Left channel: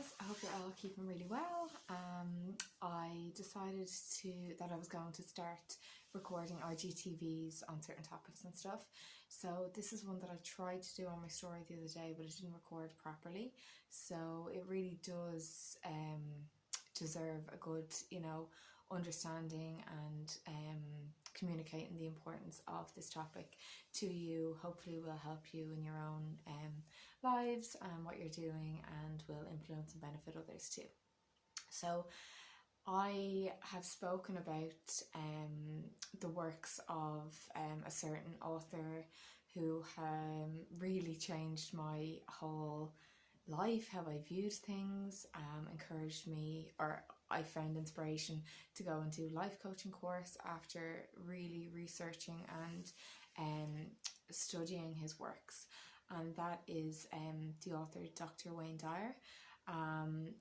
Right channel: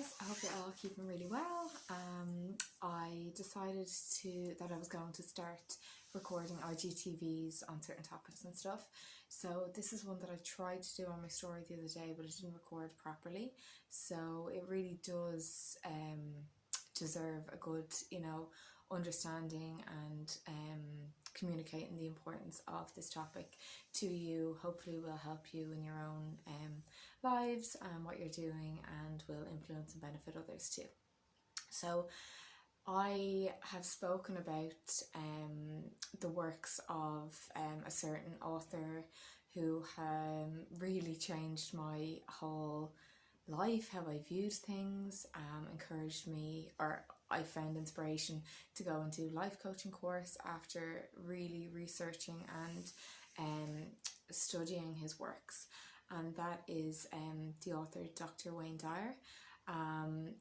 guys, I hope you're all keeping really well. I decided that I was going to start recording IGTVs on certain topics and stuff. So this is one that I tried to do on my story the other day, but it didn't record properly. So it really does deserve a good, understanding and communicating the importance of this topic to you. Hopefully will help you in your own lives and what you're doing, and will influence and benefit others too. So I have spoken about the works of a certain author who really changed my whole life, how I viewed things, encouraged me, or I found inspiration to go and do life coaching course after really researching and studying his works. And that is the author Dr. Wayne Dyer.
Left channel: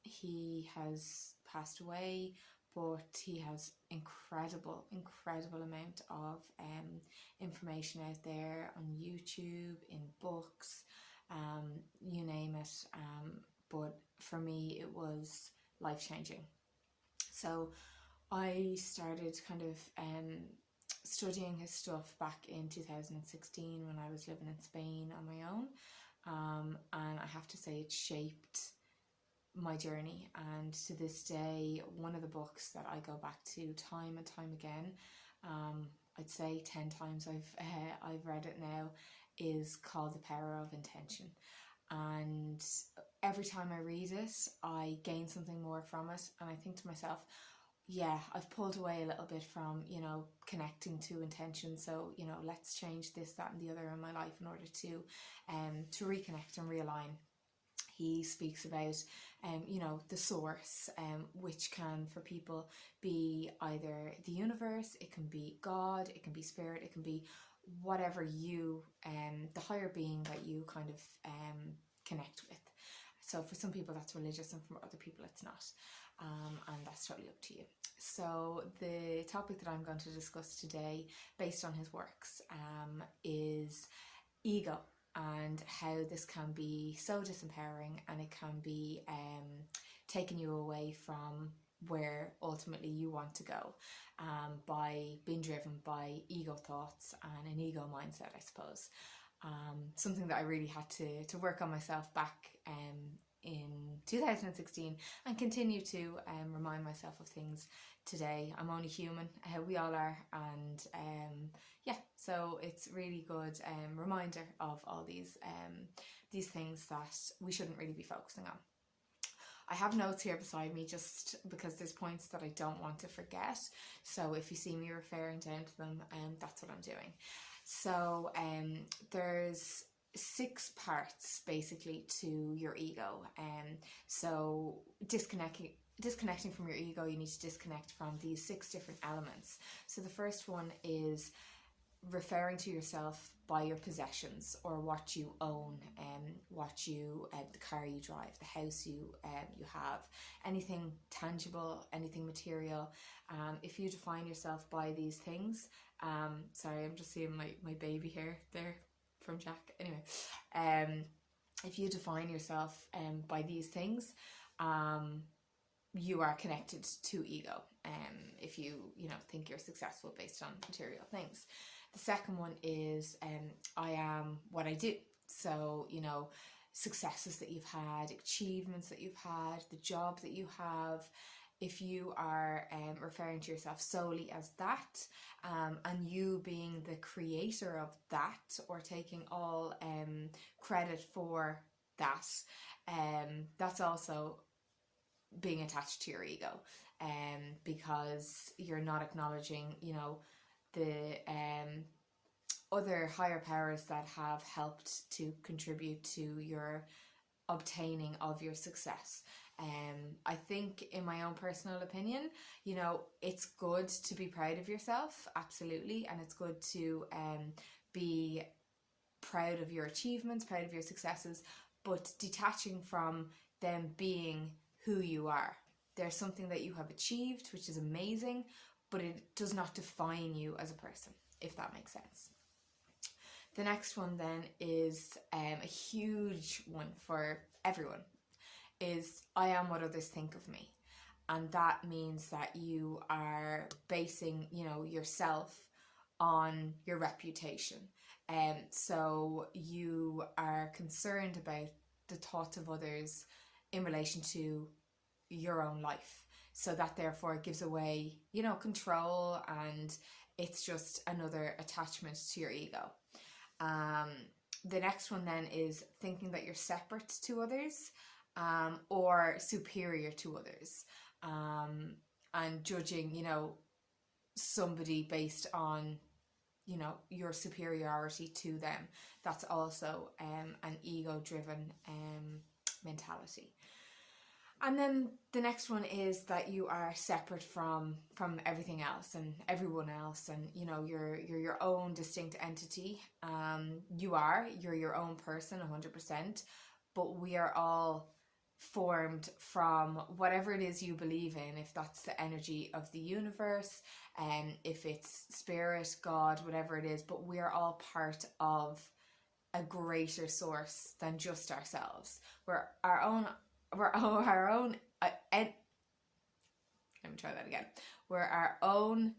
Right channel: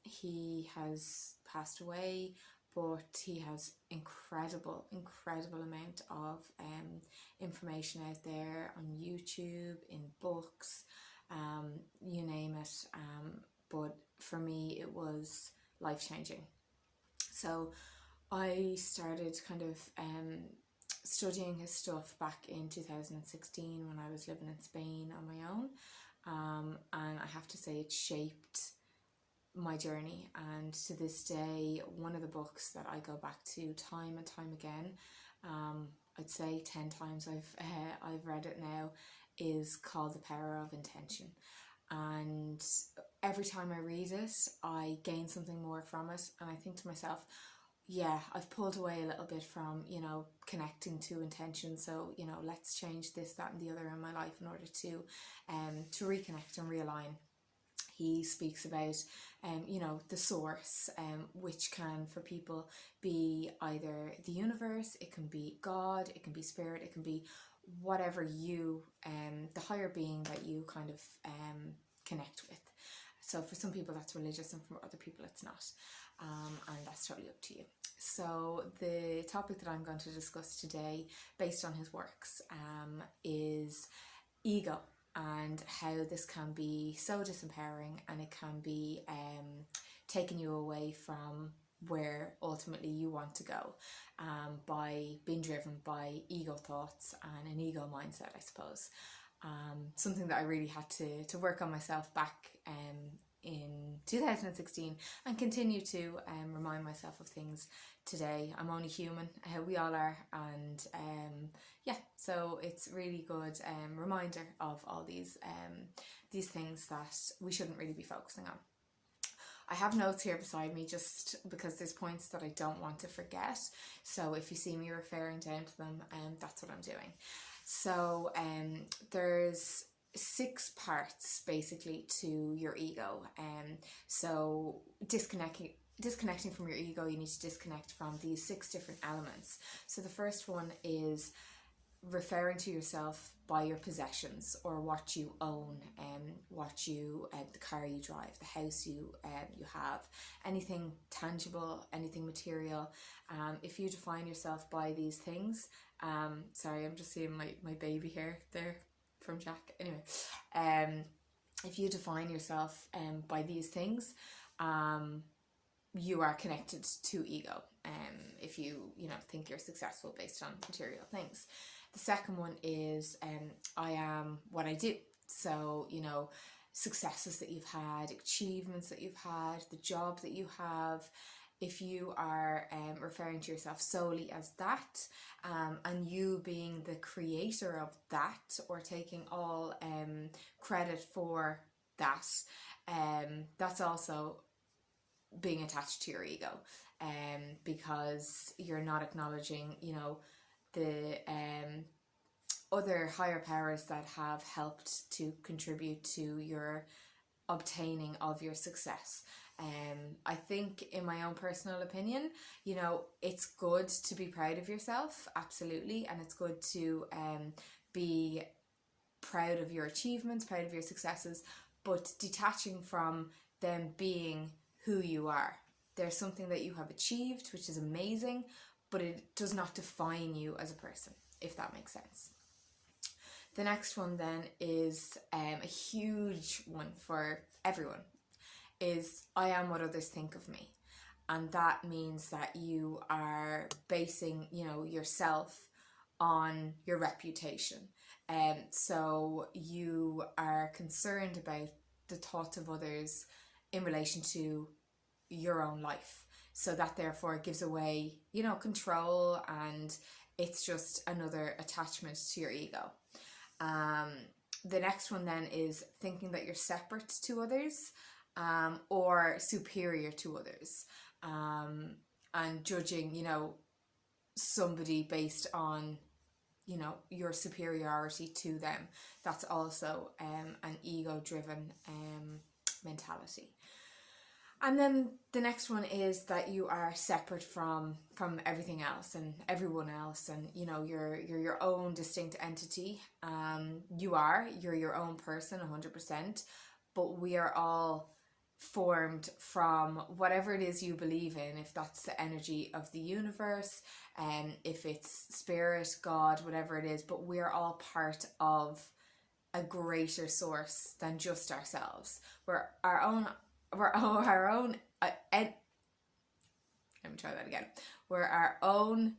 He has passed away, but he has incredible amount of information out there on YouTube, in books, you name it. But for me, it was life-changing. So I started kind of studying his stuff back in 2016 when I was living in Spain on my own, and I have to say it shaped my journey. And to this day, one of the books that I go back to time and time again, I'd say 10 times I've read it now, is called The Power of Intention. And every time I read it, I gain something more from it, and I think to myself, yeah, I've pulled away a little bit from, connecting to intention. So, let's change this, that and the other in my life in order to reconnect and realign. He speaks about, the source, which can for people be either the universe, it can be God, it can be spirit, it can be whatever you, the higher being that you kind of connect with. So for some people that's religious, and for other people it's not, and that's totally up to you. So the topic that I'm going to discuss today, based on his works, is ego, and how this can be so disempowering, and it can be taking you away from where ultimately you want to go, by being driven by ego thoughts and an ego mindset, I suppose. Something that I really had to work on myself back in 2016, and continue to remind myself of things today. I'm only human, we all are, and so it's really good reminder of all these things that we shouldn't really be focusing on. I have notes here beside me just because there's points that I don't want to forget, so if you see me referring down to them, that's what I'm doing. So there's 6 parts basically to your ego. So disconnecting from your ego, you need to disconnect from these 6 different elements. So the first one is referring to yourself by your possessions, or what you own, the car you drive, the house you have, anything tangible, anything material. If you define yourself by these things, sorry, I'm just seeing my baby hair there from Jack. Anyway, if you define yourself by these things, you are connected to ego. If you think you're successful based on material things. The second one is I am what I do. So successes that you've had, achievements that you've had, the job that you have. If you are referring to yourself solely as that, and you being the creator of that, or taking all credit for that, that's also being attached to your ego, because you're not acknowledging, the other higher powers that have helped to contribute to your obtaining of your success. I think, in my own personal opinion, it's good to be proud of yourself, absolutely, and it's good to be proud of your achievements, proud of your successes, but detaching from them being who you are. There's something that you have achieved, which is amazing, but it does not define you as a person, if that makes sense. The next one then is a huge one for everyone, is I am what others think of me. And that means that you are basing, yourself on your reputation. So you are concerned about the thoughts of others in relation to your own life. So that therefore gives away, control, and it's just another attachment to your ego. The next one then is thinking that you're separate to others, or superior to others, and judging, somebody based on, your superiority to them. That's also an ego-driven mentality. And then the next one is that you are separate from everything else and everyone else, and you're your own distinct entity. You're your own person 100%, but we are all formed from whatever it is you believe in, if that's the energy of the universe, and if it's spirit, God, whatever it is, but we're all part of a greater source than just ourselves. We're our own let me try that again. We're our own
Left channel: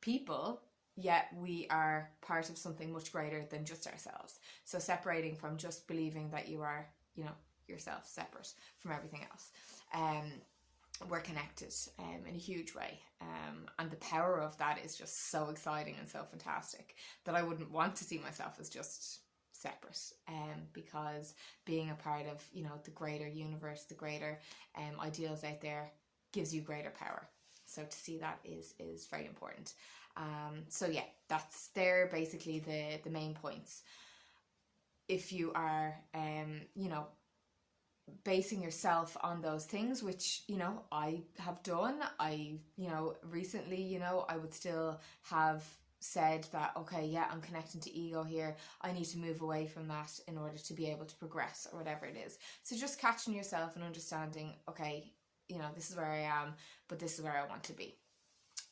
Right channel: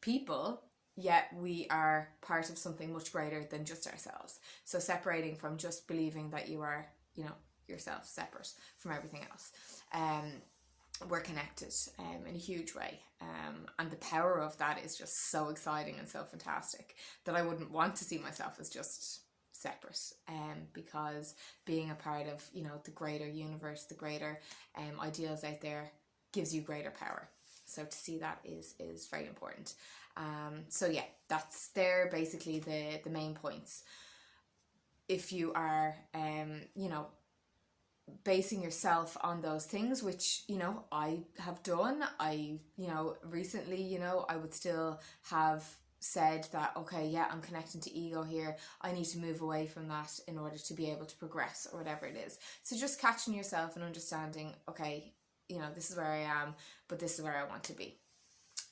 people, yet we are part of something much greater than just ourselves. So separating from just believing that you are, yourself, separate from everything else. We're connected in a huge way, and the power of that is just so exciting and so fantastic that I wouldn't want to see myself as just separate, because being a part of the greater universe, the greater ideals out there, gives you greater power. So to see that is very important. So yeah, that's there basically the main points. If you are basing yourself on those things, which I have done, I recently I would still have said that, okay, yeah, I'm connecting to ego here, I need to move away from that in order to be able to progress, or whatever it is. So just catching yourself and understanding, okay, this is where I am, but this is where I want to be.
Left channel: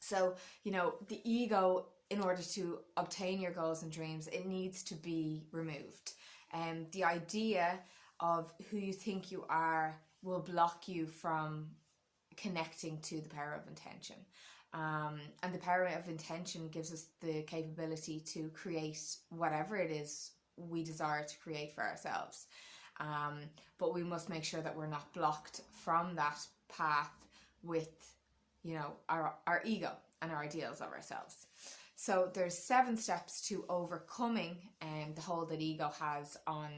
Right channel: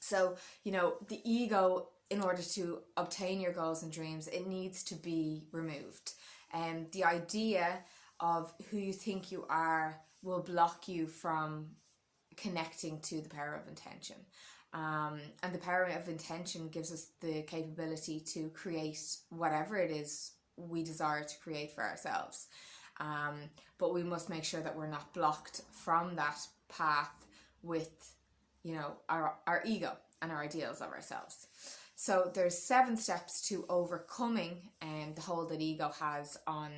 So the ego, in order to obtain your goals and dreams, it needs to be removed. And the idea of who you think you are will block you from connecting to the power of intention. And the power of intention gives us the capability to create whatever it is we desire to create for ourselves. But we must make sure that we're not blocked from that path with, our ego and our ideals of ourselves. So there's 7 steps to overcoming the hold that ego has on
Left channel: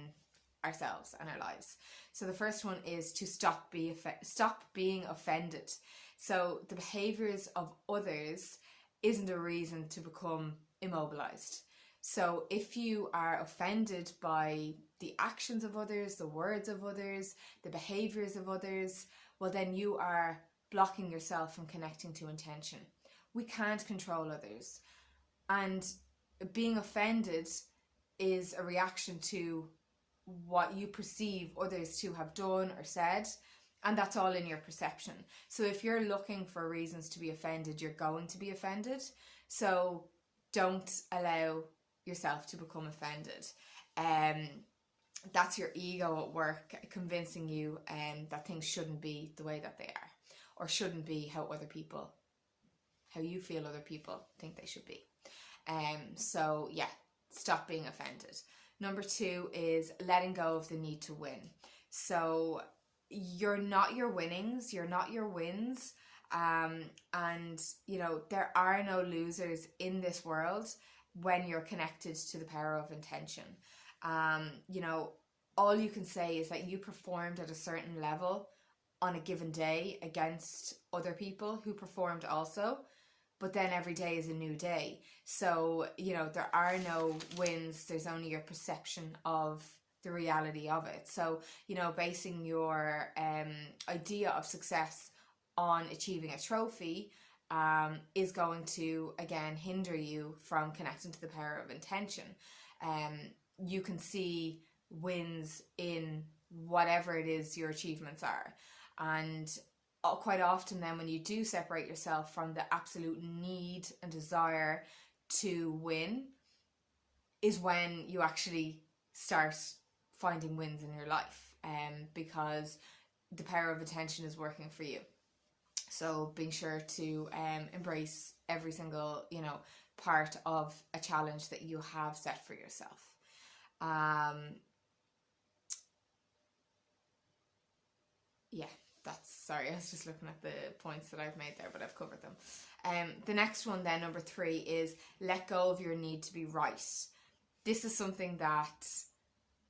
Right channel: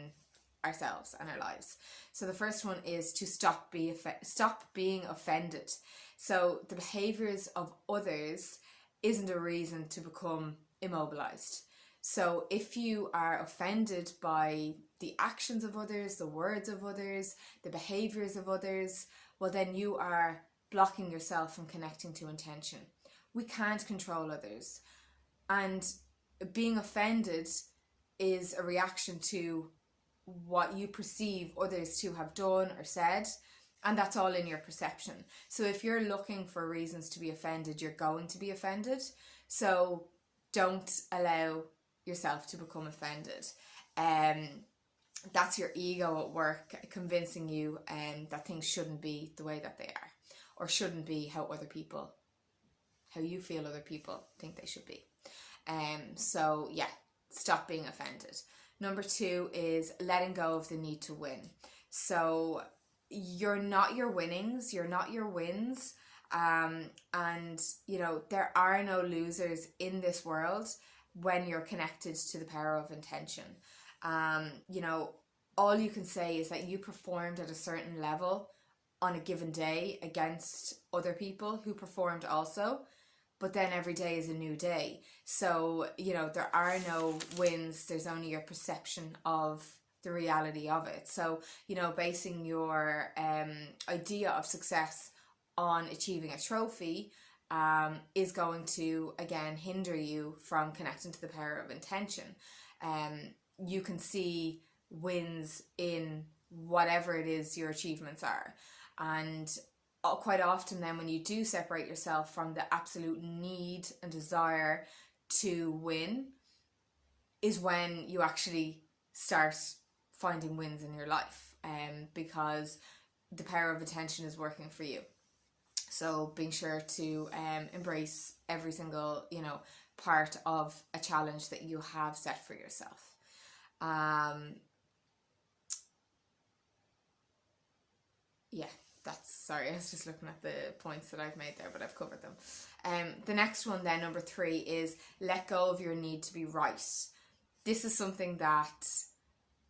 ourselves and our lives. So the first one is to stop being offended. So the behaviors of others isn't a reason to become immobilized. So if you are offended by the actions of others, the words of others, the behaviors of others, well, then you are blocking yourself from connecting to intention. We can't control others. And being offended is a reaction to what you perceive others to have done or said, and that's all in your perception. So if you're looking for reasons to be offended, you're going to be offended. So don't allow yourself to become offended. That's your ego at work, convincing you that things shouldn't be the way that they are, or shouldn't be how you feel other people think they should be. So yeah, stop being offended. Number 2 is letting go of the need to win. So you're not your winnings, you're not your wins. And there are no losers in this world when you're connected to the power of intention. All you can say is that you performed at a certain level on a given day against other people who performed also, but then every day is a new day. So, there are no wins, there's only your perception of the reality of it. So, basing your idea of success on achieving a trophy is going to, again, hinder you from connecting to the power of intention. You can see wins in whatever it is your achievements are. And quite often then, when you do separate yourself from the absolute need and desire to win, is when you actually start finding wins in your life. Because the power of attention is working for you. So being sure to embrace every single, part of a challenge that you have set for yourself. Yeah, sorry, I was just looking at the points that I've made there, but I've covered them. The next one then, number 3, is let go of your need to be right. This is something that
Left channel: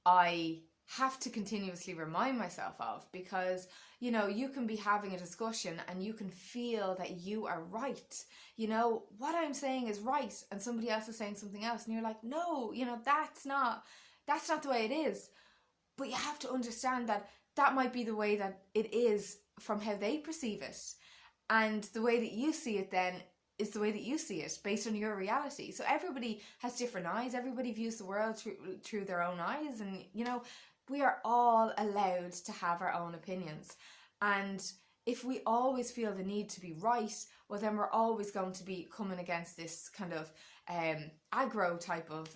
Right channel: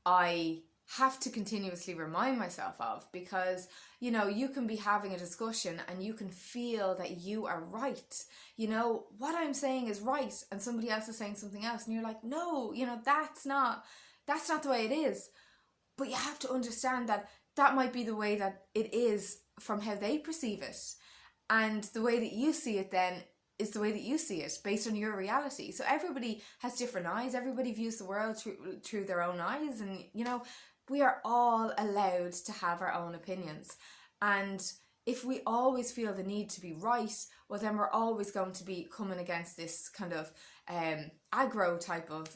I have to continuously remind myself of, because you can be having a discussion and you can feel that you are right, what I'm saying is right, and somebody else is saying something else, and you're like, no, that's not the way it is. But you have to understand that might be the way that it is from how they perceive it, and the way that you see it then is the way that you see it based on your reality. So everybody has different eyes, everybody views the world through their own eyes, and we are all allowed to have our own opinions. And if we always feel the need to be right, well then we're always going to be coming against this kind of aggro type of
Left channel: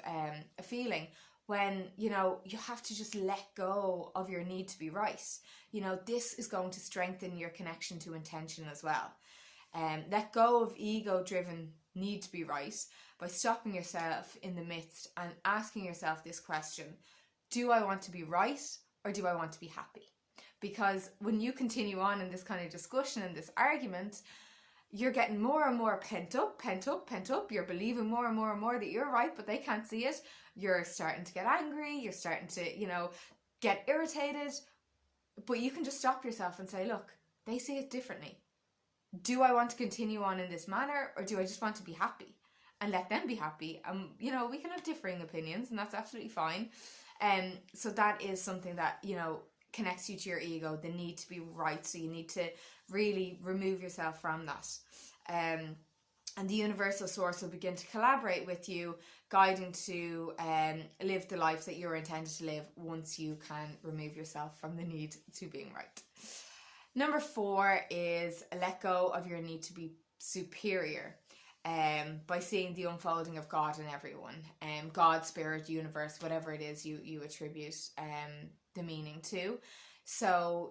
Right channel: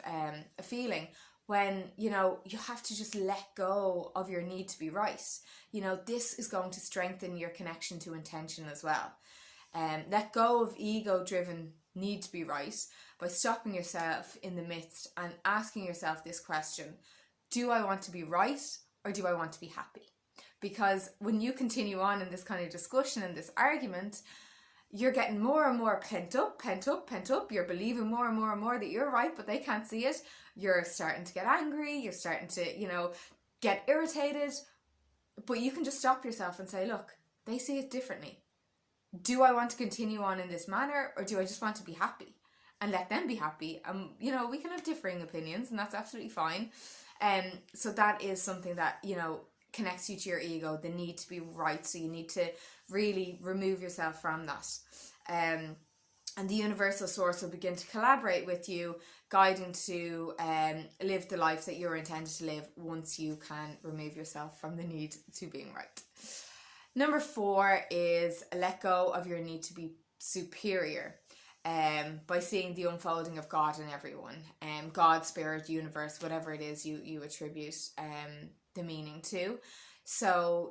feeling, when you have to just let go of your need to be right. This is going to strengthen your connection to intention as well. Let go of ego-driven need to be right by stopping yourself in the midst and asking yourself this question: do I want to be right, or do I want to be happy? Because when you continue on in this kind of discussion and this argument, you're getting more and more pent up. You're believing more and more that you're right, but they can't see it. You're starting to get angry. You're starting to, get irritated. But you can just stop yourself and say, look, they see it differently. Do I want to continue on in this manner, or do I just want to be happy? And let them be happy. We can have differing opinions, and that's absolutely fine. So that is something that, connects you to your ego, the need to be right. So you need to really remove yourself from that. And the universal source will begin to collaborate with you, guiding to live the life that you're intended to live once you can remove yourself from the need to being right. Number 4 is let go of your need to be superior. By seeing the unfolding of God in everyone, God, spirit, universe, whatever it is you attribute the meaning to. So,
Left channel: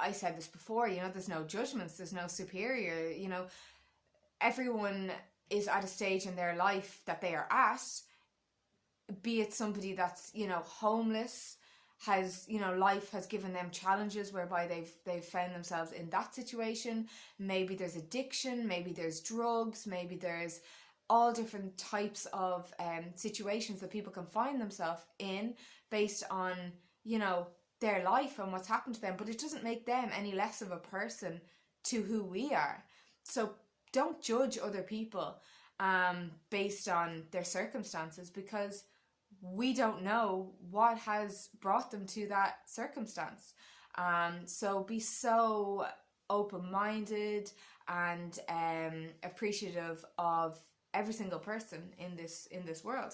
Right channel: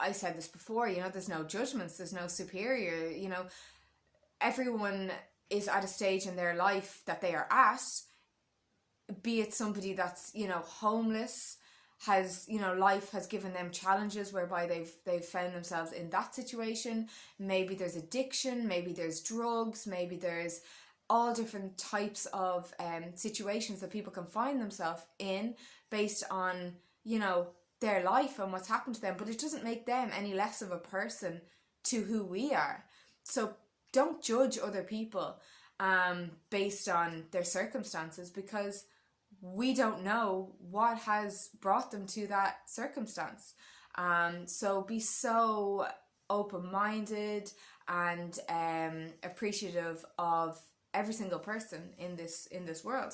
I said this before, there's no judgments, there's no superior, everyone is at a stage in their life that they are at, be it somebody that's, homeless, has, life has given them challenges whereby they've found themselves in that situation. Maybe there's addiction, maybe there's drugs, maybe there's all different types of situations that people can find themselves in based on, their life and what's happened to them. But it doesn't make them any less of a person to who we are. So don't judge other people based on their circumstances, because we don't know what has brought them to that circumstance. So be so open-minded and appreciative of every single person in this world.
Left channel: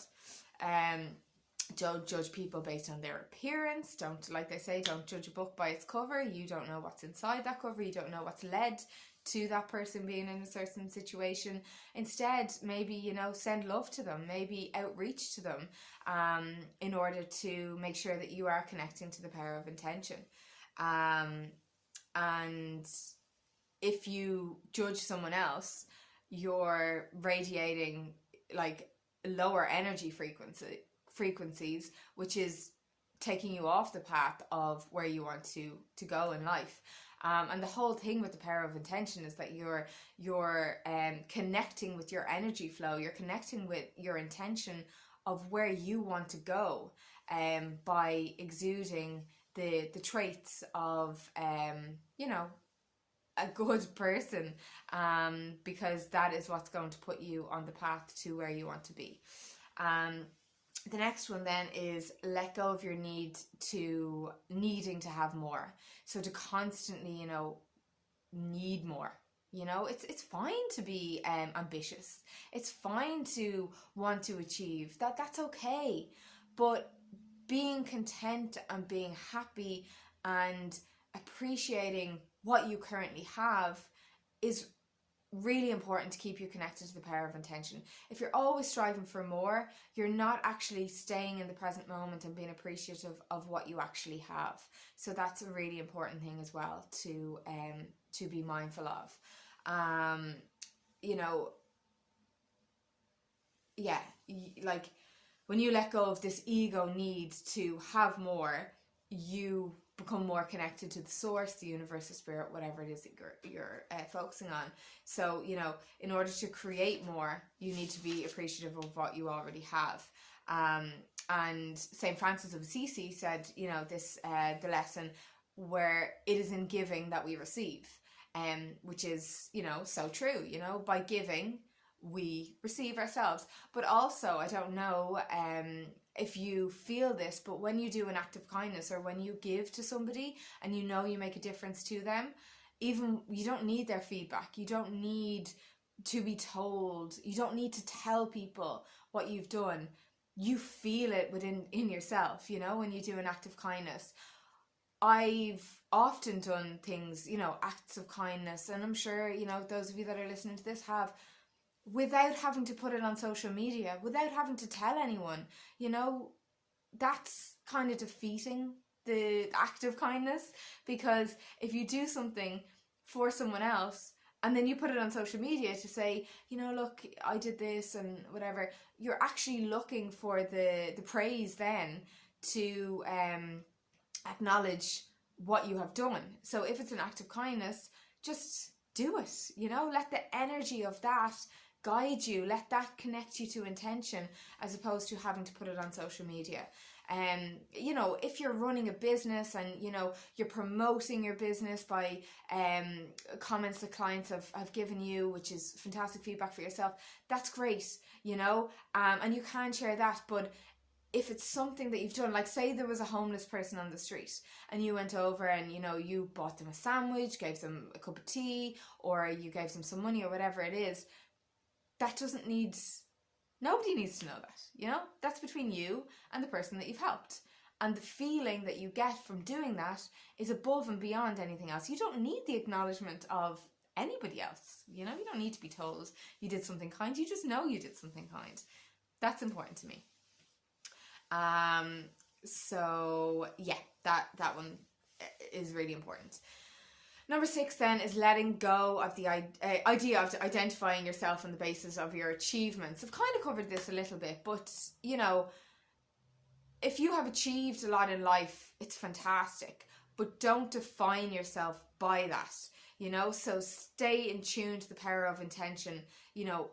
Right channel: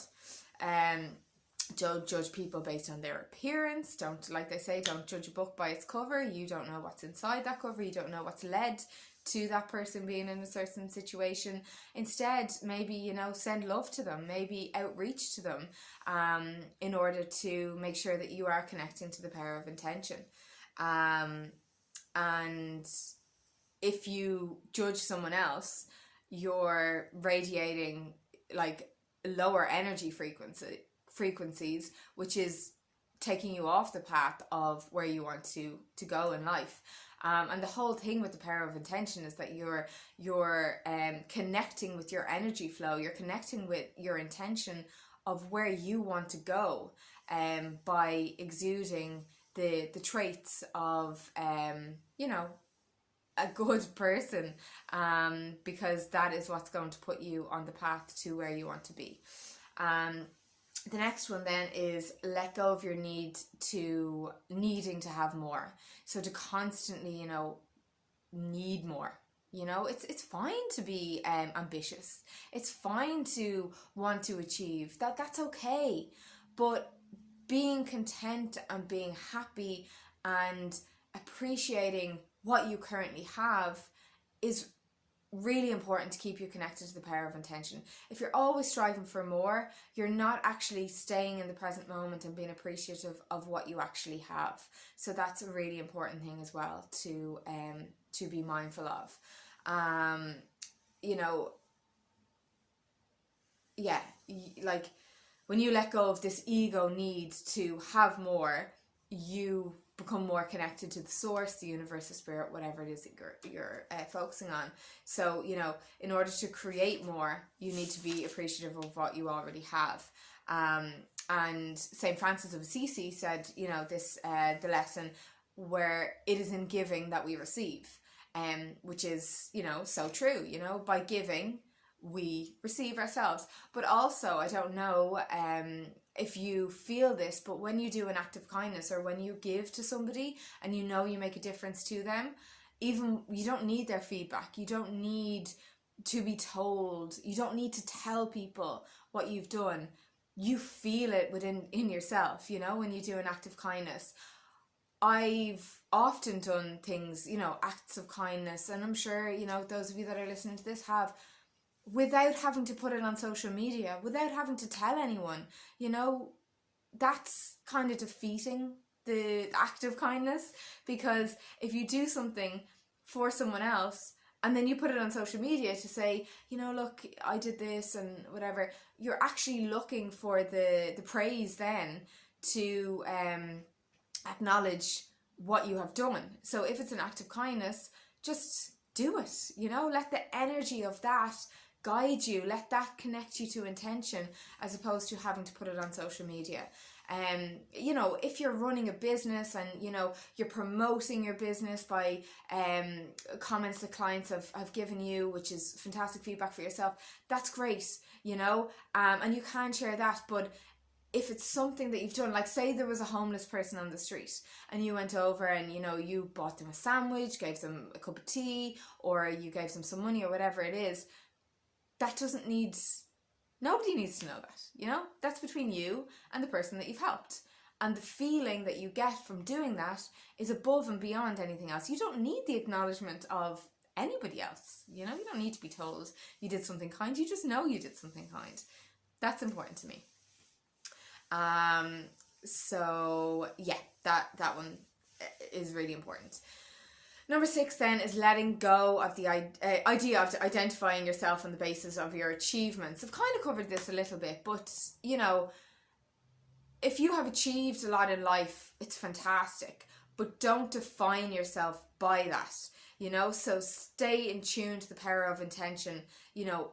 Don't judge people based on their appearance. Like they say, don't judge a book by its cover. You don't know what's inside that cover. You don't know what's led to that person being in a certain situation. Instead, maybe, send love to them, maybe outreach to them in order to make sure that you are connecting to the power of intention. And if you judge someone else, you're radiating like lower energy frequencies, which is taking you off the path of where you want to go in life. And the whole thing with the power of intention is that you're connecting with your energy flow. You're connecting with your intention of where you want to go by exuding the traits of a good person, because that is what's going to put you on the path to where you want to be. The next one then is let go of your needing to have more. So to constantly, need more. It's fine to be ambitious. It's fine to want to achieve. That's okay. But being content and being happy and appreciating what you currently have is really important to keep you connected to the power of intention. If you're always striving for more, you're not actually staying in the present moment and being appreciative of what you actually have. So that's a really important thing as well to be mindful of. You know, yeah, like when you let go of this ego need to have more, you become more connected to the source, the universe, the spirit, whatever it is that you're focusing on. So, you know, in order to create more, you need to be appreciative of what you already have. And St. Francis of Assisi said, you know, this the lesson where it is in giving that we receive, which is, you know, so true. You know, by giving, we receive ourselves. But also, I don't know if you feel this, but when you do an act of kindness or when you give to somebody and you know you make a difference to them, even you don't need their feedback. You don't need to be told. You don't need to tell people what you've done. You feel it in yourself, you know, when you do an act of kindness. I've often done things, you know, acts of kindness, and I'm sure, you know, those of you that are listening to this have, without having to put it on social media, without having to tell anyone. You know, that's kind of defeating the act of kindness, because if you do something for someone else and then you put it on social media to say, you know, look, I did this and whatever, you're actually looking for the praise then to acknowledge what you have done. So if it's an act of kindness, just do it, you know, let the energy of that guide you, let that connect you to intention, as opposed to having to put it on social media. You know, if you're running a business and, you know, you're promoting your business by comments that clients have given you, which is fantastic feedback for yourself, that's great, you know, and you can share that. But if it's something that you've done, like say there was a homeless person on the street and you went over and, you know, you bought them a sandwich, gave them a cup of tea, or you gave them some money or whatever it is, that doesn't need, nobody needs to know that, you know, that's between you and the person that you've helped. And the feeling that you get from doing that is above and beyond anything else. You don't need the acknowledgement of anybody else, you know, you don't need to be told you did something kind, you just know you did something kind. That's important to me. So yeah, that one is really important. Number 6 then is letting go of the idea of identifying yourself on the basis of your achievements. I've kind of covered this a little bit, but you know, if you have achieved a lot in life, it's fantastic, but don't define yourself by that, you know. So stay in tune to the power of intention, you know,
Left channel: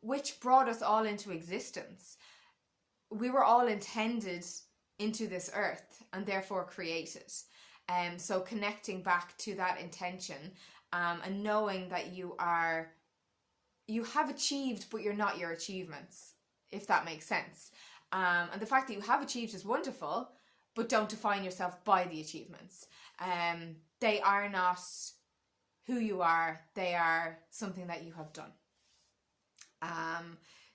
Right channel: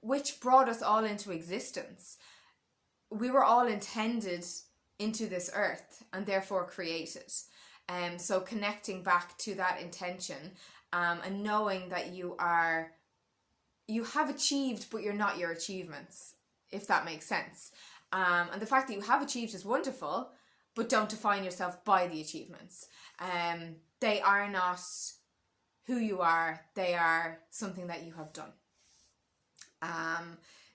which brought us all into existence. We were all intended into this earth and therefore created. So connecting back to that intention, and knowing that you have achieved, but you're not your achievements, if that makes sense. And the fact that you have achieved is wonderful, but don't define yourself by the achievements. They are not who you are, they are something that you have done.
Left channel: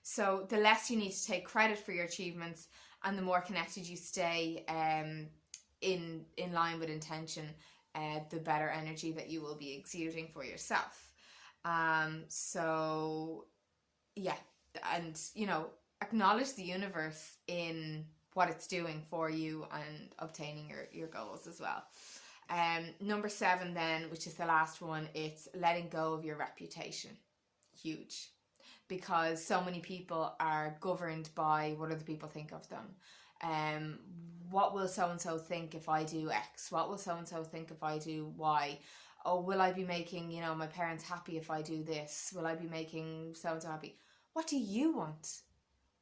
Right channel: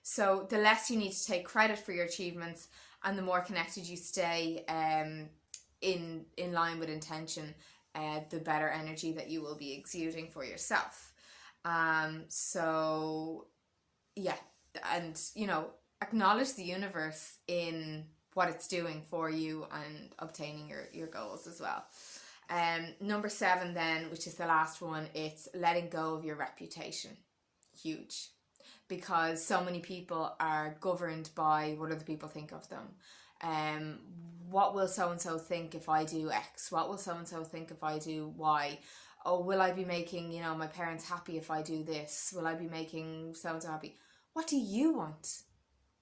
So the less you need to take credit for your achievements and the more connected you stay in line with intention, the better energy that you will be exuding for yourself. So yeah, and you know, acknowledge the universe in what it's doing for you and obtaining your goals as well. Number 7 then, which is the last one, it's letting go of your reputation. Huge. Because so many people are governed by what other people think of them. What will so-and-so think if I do X? What will so-and-so think if I do Y? Oh, will I be making, you know, my parents happy if I do this? Will I be making so-and-so happy? What do you want?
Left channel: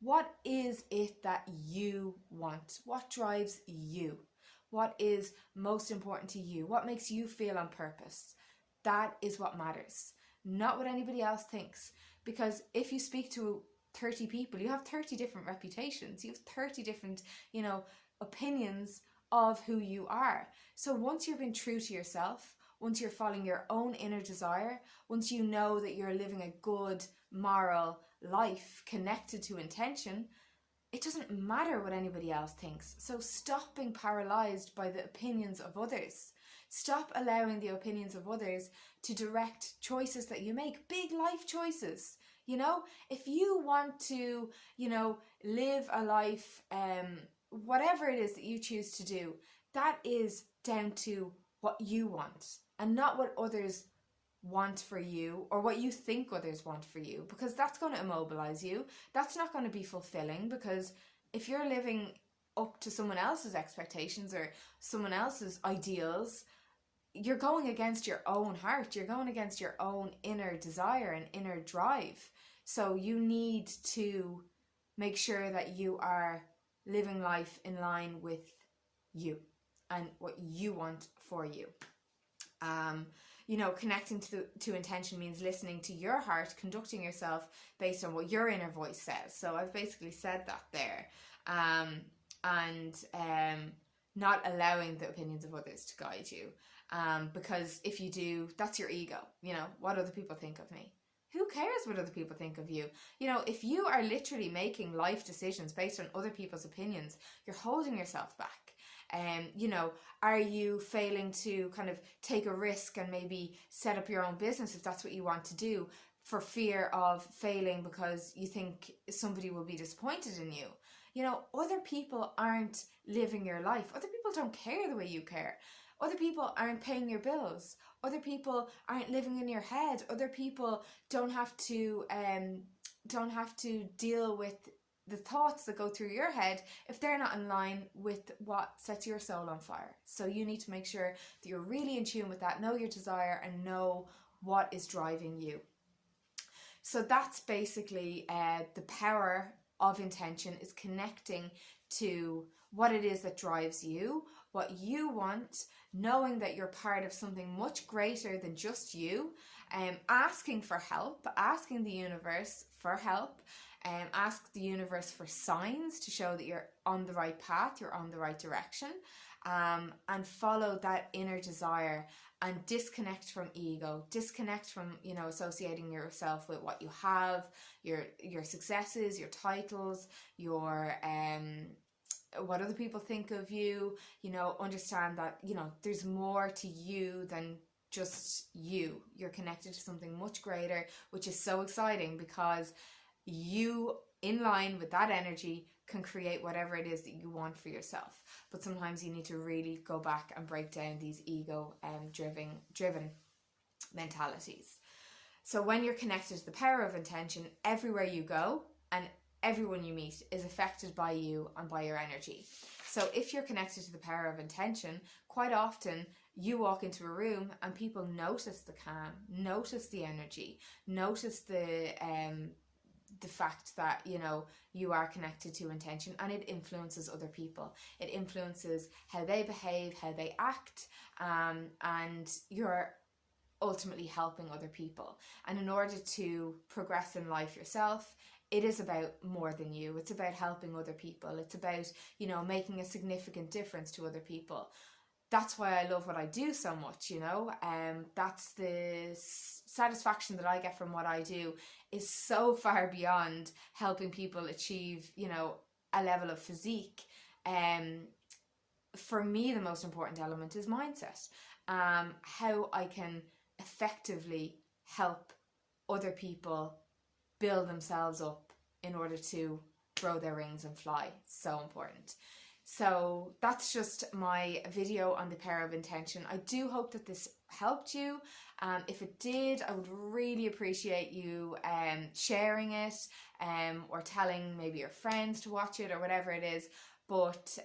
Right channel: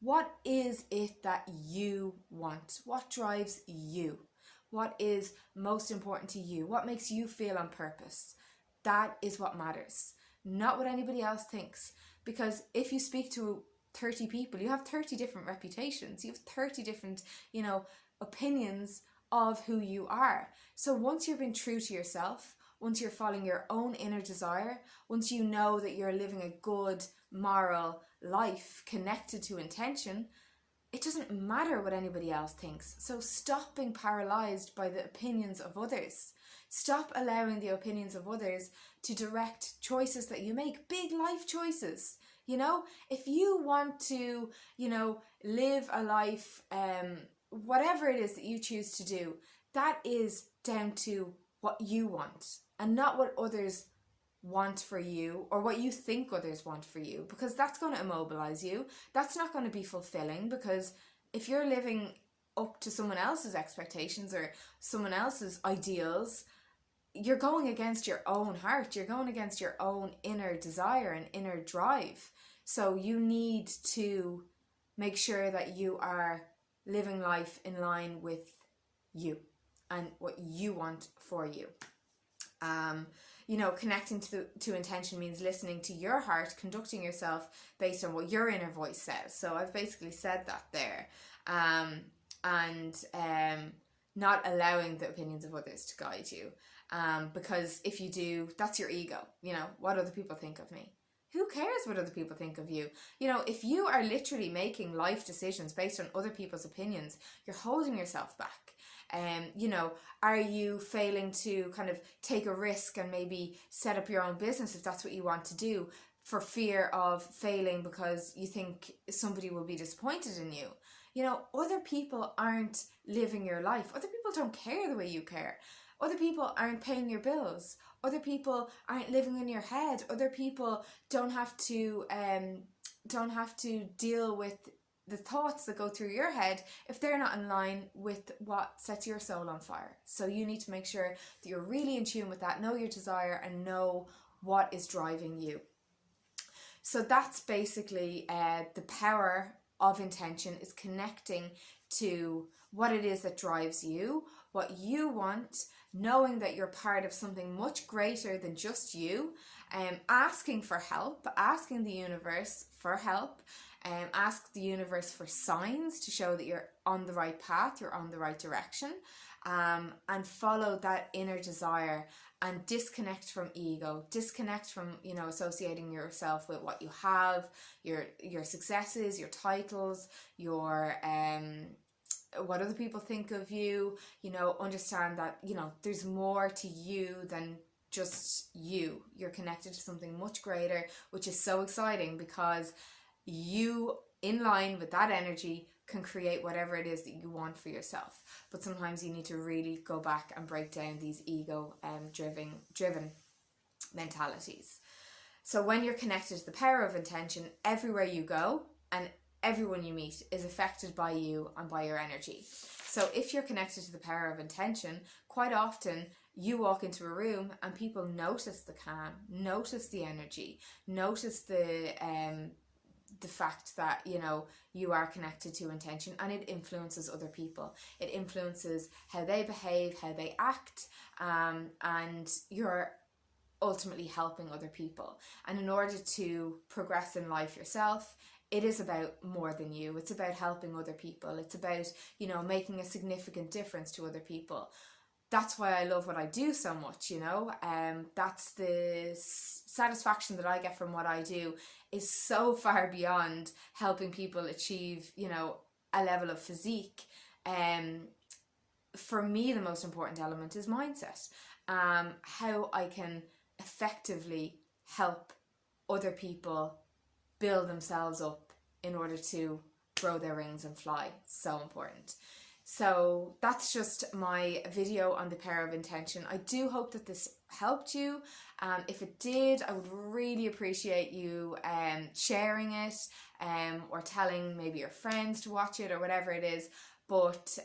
What is it that you want? What drives you? What is most important to you? What makes you feel on purpose? That is what matters, not what anybody else thinks. Because if you speak to 30 people, you have 30 different reputations. You have 30 different, you know, opinions of who you are. So once you're being true to yourself, once you're following your own inner desire, once you know that you're living a good, moral life connected to intention, it doesn't matter what anybody else thinks. So stop being paralyzed by the opinions of others. Stop allowing the opinions of others to direct choices that you make, big life choices. You know, if you want to, you know, live a life, whatever it is that you choose to do, that is down to what you want and not what others want for you or what you think others want for you, because that's going to immobilize you. That's not going to be fulfilling, because if you're living up to someone else's expectations or someone else's ideals, you're going against your own heart. You're going against your own inner desire and inner drive. So you need to make sure that you are living life in line with you and what you want for you. You know, connecting to intention means listening to your heart, conducting yourself based on what your inner voice says. So I've basically said that there. And not allowing the opinions of others to guide you. Because if you do, that's your ego. You know, what other people think of me? Who cares what other people think of you? You know, if you are literally making life decisions based on other people's opinions, you're holding yourself back. You know, are you failing to kind of take a risk and maybe set up your own business if that's what you want to do, for fear of failing because you think somebody will be disappointed in you? You know, other people aren't living your life. Other people don't care the way you care. Other people aren't paying your bills. Other people aren't living in your head. Other people don't have to deal with the thoughts that go through your head if they're not in line with what sets your soul on fire. So you need to make sure that you're really in tune with that, know your desire and know what is driving you. So that's basically the power of intention, is connecting to what it is that drives you, what you want, knowing that you're part of something much greater than just you, asking for help, asking the universe for help, ask the universe for signs to show that you're on the right path, you're on the right direction, and follow that inner desire and disconnect from ego, disconnect from, you know, associating yourself with what you have, your successes, your titles, your what other people think of you. You know, understand that, you know, there's more to you than just you. You're connected to something much greater, which is so exciting, because you, in line with that energy, can create whatever it is that you want for yourself. But sometimes you need to really go back and break down these ego driven mentalities. So when you're connected to the power of intention, everywhere you go and everyone you meet is affected by you and by your energy. So if you're connected to the power of intention, quite often you walk into a room and people notice the calm, notice the energy, notice the fact that, you know, you are connected to intention, and it influences other people. It influences how they behave, how they act, and you're ultimately helping other people. And in order to progress in life yourself, it is about more than you. It's about helping other people. It's about, you know, making a significant difference to other people. That's why I love what I do so much, you know. That's the satisfaction that I get from what I do is so far beyond helping people achieve, you know, a level of physique. For me, the most important element is mindset. How I can effectively help other people build themselves up in order to grow their wings and fly. So important. So that's just my video on the power of intention. I do hope that this helped you. If it did, I would really appreciate you sharing it, or telling maybe your friends to watch it or whatever it is. But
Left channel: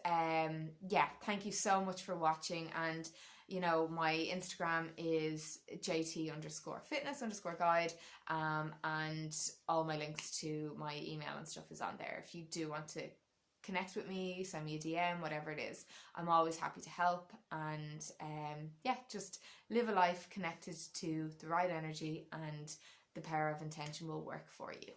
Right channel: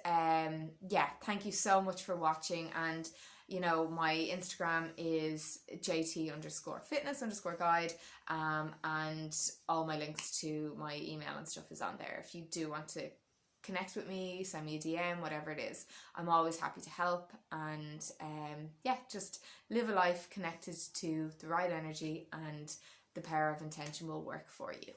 yeah, thank you so much for watching. And you know, my Instagram is jt_fitness_guide, and all my links to my email and stuff is on there. If you do want to connect with me, send me a DM, whatever it is, I'm always happy to help. And yeah, just live a life connected to the right energy, and the power of intention will work for you.